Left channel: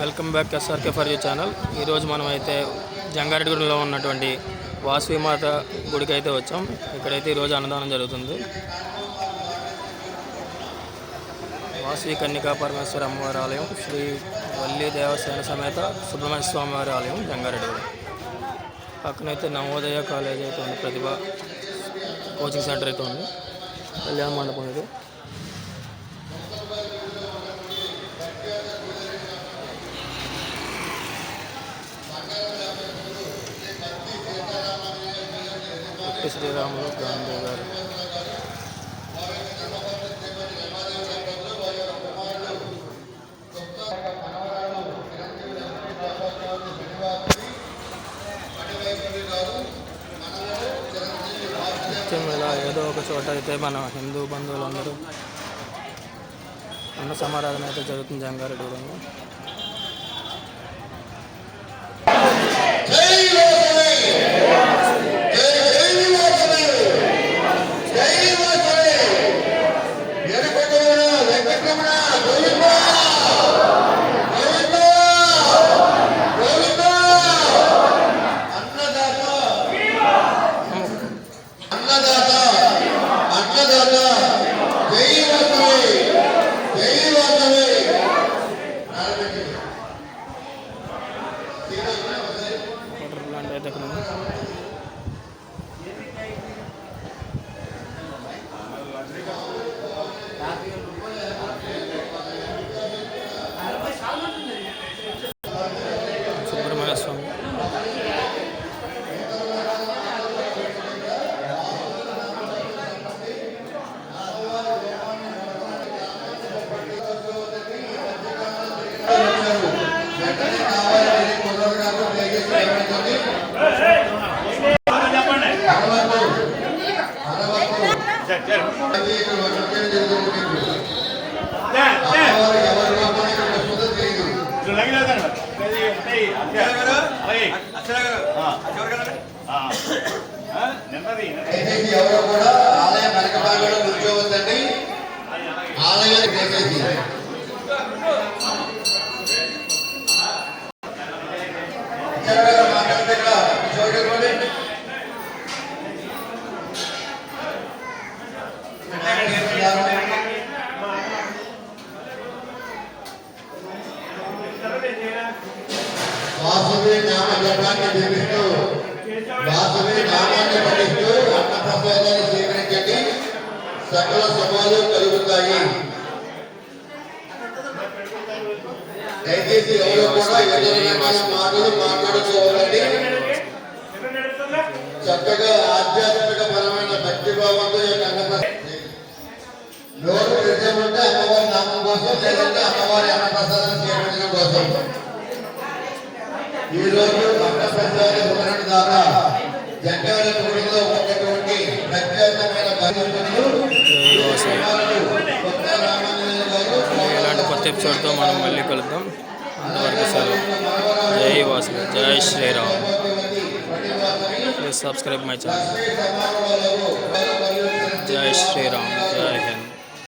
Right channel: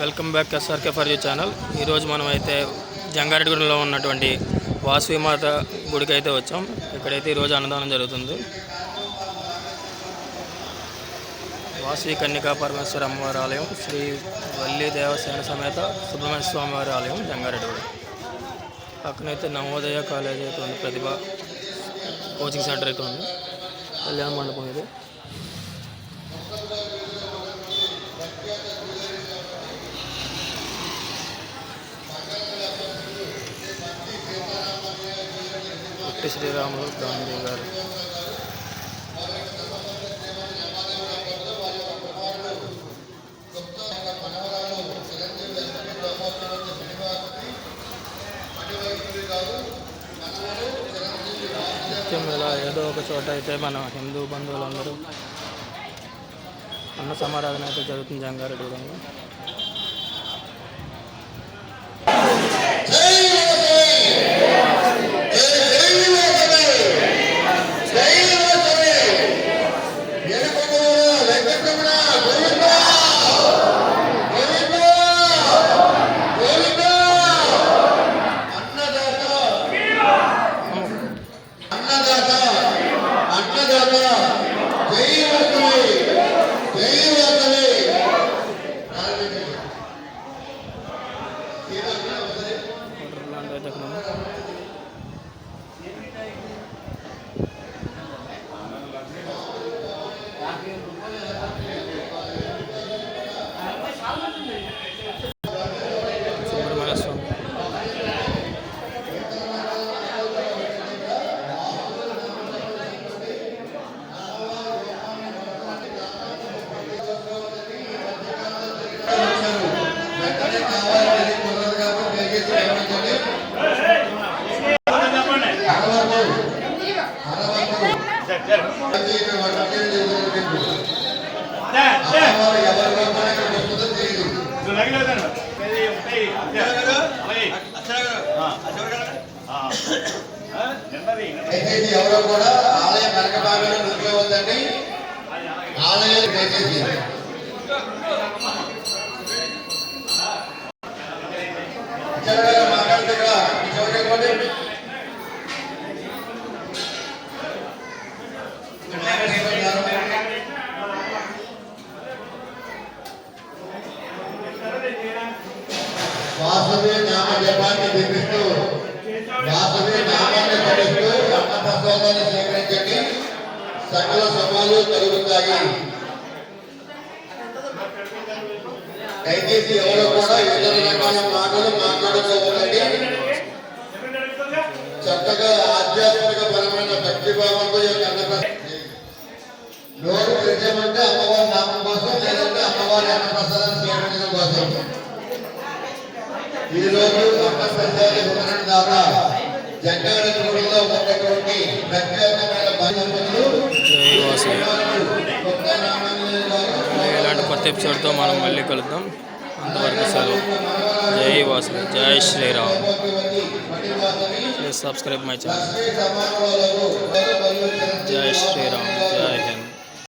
Welcome back SRK for you channel. ఈరోజు మనం అయితే జంగారెడ్డిగూడెంలో ఉన్నటువంటి వాసవిమాత గుడికి అయితే వచ్చాం. ఇక్కడైతే ఈరోజు అన్నదానం జరుగుతుంది. వాసవి కన్యకా పరమేశ్వర అమ్మవారి ఆలయం, శ్రీ వల్లి దేవసేన సమేత సుబ్రహ్మణ్య స్వామివారి ఆలయం జంగారెడ్డిగూడెం. పక్కనైతే నవోదయ కాలేజ్ అయితే ఉంది, ప్రతిభ కోచింగ్ సెంటర్ అయితే ఉంది, కళ్యాణ మండపం ఇది. పొట్టి శ్రీరాములు గాంధీ గారు. నిత్యం ఇలా ఏదో ఒక చోట అయితే మన హిందూ బంధువులందరూ అన్న సమారాధన అయితే జరుగుతుంది జంగారెడ్డిగూడెంలో. సుబ్రహ్మణ్య స్వామి ఎవరో కూడా ఆలయం వెనక భాగంలో నిలిపివద్దండి. ఆలయాన్ని దయచేసి వాసవి నామ జపాన్ని దీపిస్తూ వాసవి నామాన్ని పఠిస్తూ అన్న ప్రసాదాన్ని స్వీకరించండి. సకల శుభాలు కలుగుతాయి. దయచేసి ఎవరు కూడా ఇతర రకాల మాటలు మాట్లాడుకోవాలండి. చక్కగా ఆధ్యాత్మిక పరమైన భక్తి భావంతో నోరు తెరిచామంటే అమ్మవారి నామం కోసం, లేదంటే అమ్మవారి అన్న ప్రసాదాన్ని స్వీకరించడం కోసం. ఈ రోజు అన్నప్రసాద వివరణ ద్వారా జంగారెడ్డిగూడెంలో ఉన్నటువంటి ప్రత్యేకమైన ఇలాంటి కొత్త ఎపిసోడ్తో మనం మళ్ళీ కలుద్దాం. అంతవరకు సెలవు. జై వాసవి, జై Sriram. Please subscribe my channel. జై శ్రీరామ్, జై హింద్.